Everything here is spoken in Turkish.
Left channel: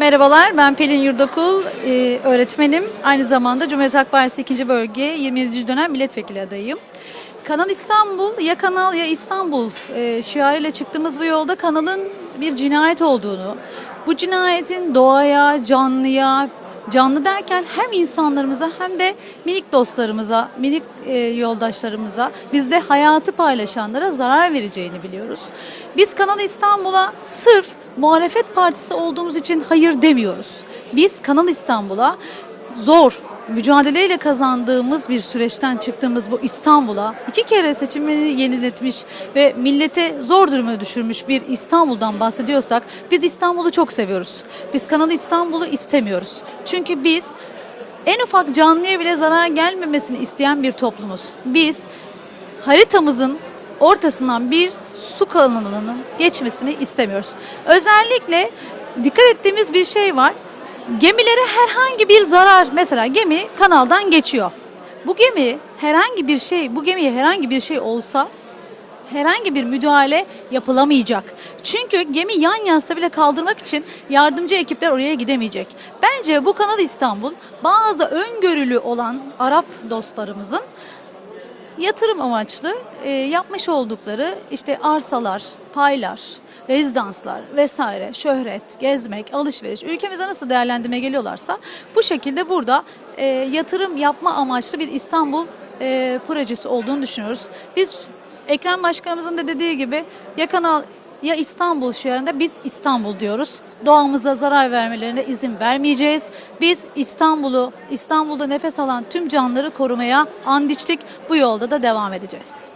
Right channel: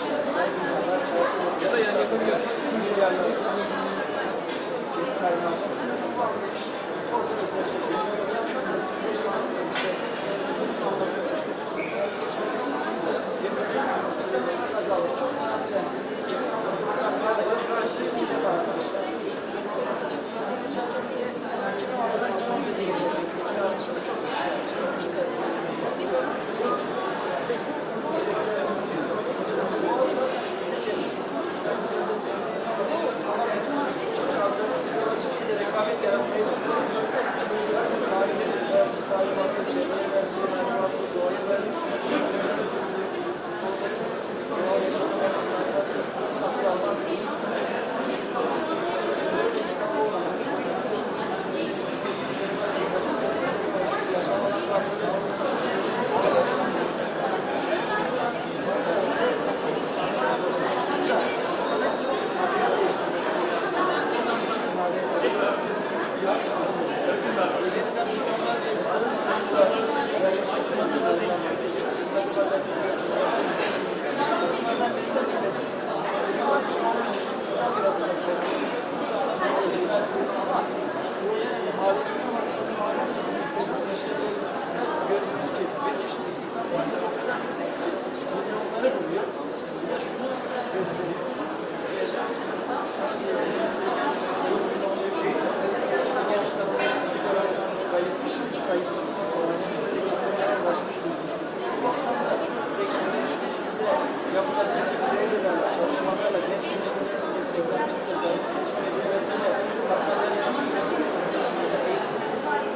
Merhabalar, ben Pelin Yurdokul, e, öğretmenim. Aynı zamanda Cumhuriyet Halk Partisi 2. Bölge 27. dönem milletvekili adayım. Kanal İstanbul, ya Kanal ya İstanbul e, şiarıyla çıktığımız bu yolda kanalın bir cinayet olduğunu, bu cinayetin doğaya, canlıya, canlı derken hem insanlarımıza hem de minik dostlarımıza, minik e, yoldaşlarımıza, bizde hayatı paylaşanlara zarar vereceğini biliyoruz. Biz Kanal İstanbul'a sırf muhalefet partisi olduğumuz için hayır demiyoruz. Biz Kanal İstanbul'a zor, mücadeleyle kazandığımız bir süreçten çıktığımız bu İstanbul'a iki kere seçimleri yeniletmiş ve millete zor duruma düşürmüş bir İstanbul'dan bahsediyorsak biz İstanbul'u çok seviyoruz. Biz Kanal İstanbul'u istemiyoruz. Çünkü biz en ufak canlıya bile zarar gelmemesini isteyen bir toplumuz. Biz haritamızın ortasından bir su kanalının geçmesini istemiyoruz. Özellikle dikkat ettiğimiz bir şey var. Gemilere herhangi bir zarar, mesela gemi kanaldan geçiyor. Bu gemi herhangi bir şey, bu gemiye herhangi bir şey olsa herhangi bir müdahale yapılamayacak. Çünkü gemi yan yansa bile kaldırmak için yardımcı ekipler oraya gidemeyecek. Bence bu Kanal İstanbul bazı öngörülü olan Arap dostlarımızın yatırım amaçlı e, yapmış oldukları işte arsalar, paylar, rezidanslar vesaire, şöhret, gezmek, alışveriş, ülkemize nasıl değerlendirmeye geliyorlarsa bu şekilde burada e, yatırım yapma amaçlı bir İstanbul e, projesi olduğunu düşünüyoruz. Biz Ekrem Başkanımızın da dediği gibi ya Kanal ya İstanbul şehrinde biz İstanbul diyoruz. Doğamıza zarar vermelerine izin vermeyeceğiz. Biz İstanbul'u, İstanbul'da nefes alan tüm canlıları korumaya and içtik. Bu yolda da devam edeceğiz.